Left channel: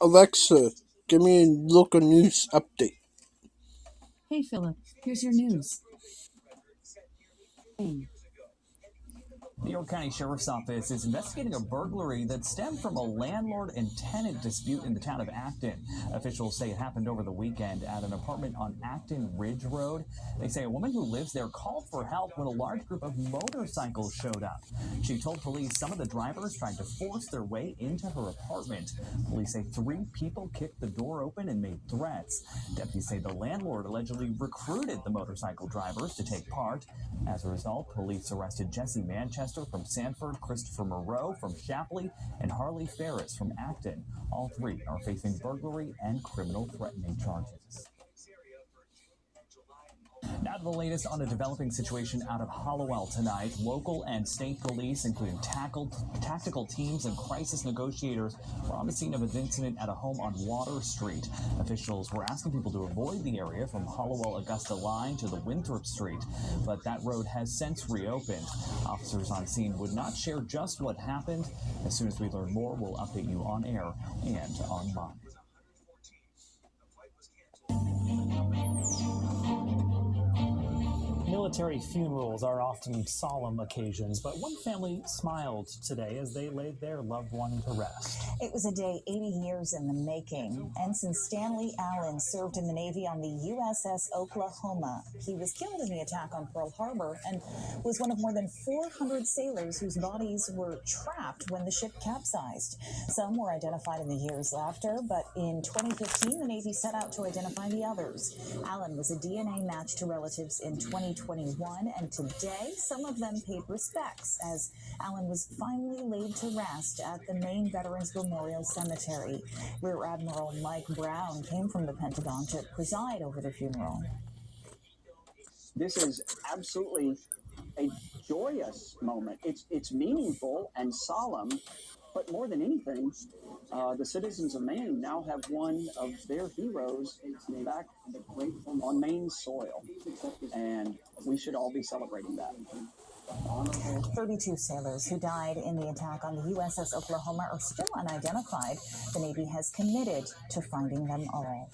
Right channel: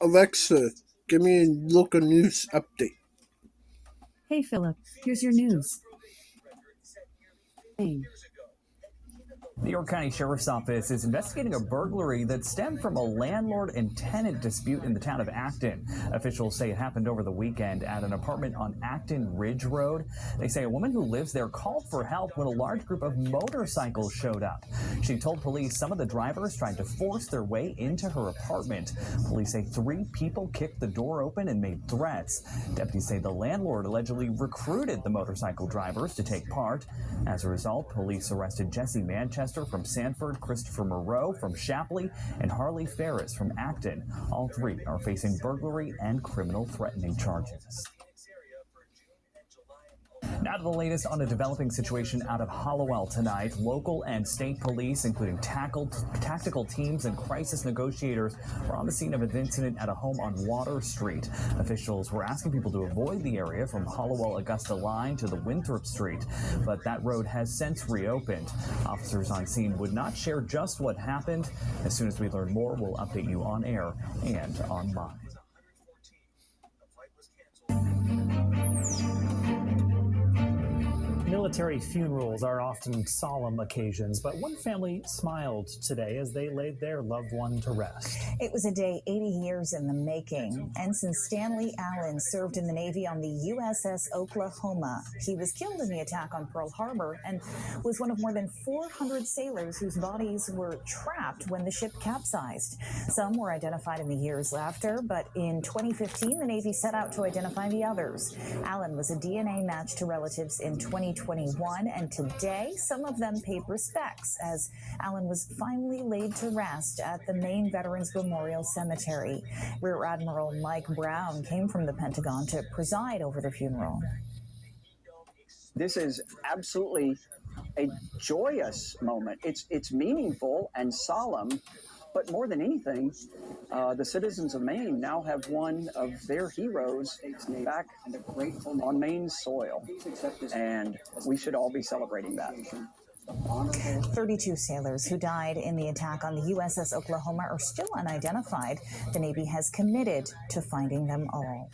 Alexa, give me a local news update. Hey Philip, here's your news. Hey. The York County Sheriff's Office is investigating a burglary that stemmed from a landlord and tenant dispute in the town of Acton. Officials say it happened over the weekend at an apartment on Acton Ridge Road. They say a woman who lives there called for help when a large group of motorcycles showed up. She told police some of the drivers tried to force their way into her apartment. Police say 3 people kicked the door open and made threats. Deputies say the landlord allegedly recruited the motorcycle drivers to take part. As a result, police arrested Jesse Manchester from Sanford, Christopher Moreau from Shapley, and Harley Ferris from Acton. All 3 are facing burglary and criminal threatening charges. Now to the latest on a developing situation out of Hallowell tonight. Local and state police, including tactical teams and crisis negotiators, were on the scene of an incident at a home on Water Street. Officials were asking people to avoid the area from Hallowell-Augusta line to the Winthrop Street, but that road has since reopened. Officers on scene would not share just what happened. As soon as we learn more, we'll update you on air and online. Military funerals are often solemn occasions, but one family smiled today as they laid their loved one to rest. It was a day 80 years in the making. Ensign Stanley Allen served in the Navy on the USS Oklahoma. He was killed in the attack on Pearl Harbor and was one of more than 400 sailors whose bodies were trapped when the ship capsized. Some were identified in the years after, but in 2015, the Navy set out to identify the others. Allen was a DNA match to relatives in 2021, and today some of them paid respects as Allen was finally laid to rest at the Maine Veterans Memorial Cemetery. Rear Admiral Mike Brown came from the Pentagon to preside over the funeral. This is absolutely a joyous moment. It's meaningful and solemn, but more than anything, the citizens of Maine now have one of their heroes back on Maine soil, and we should all be celebrating that. 32 sailors who died in the attack on the USS Oklahoma are still unidentified. The Navy has committed to finding them all.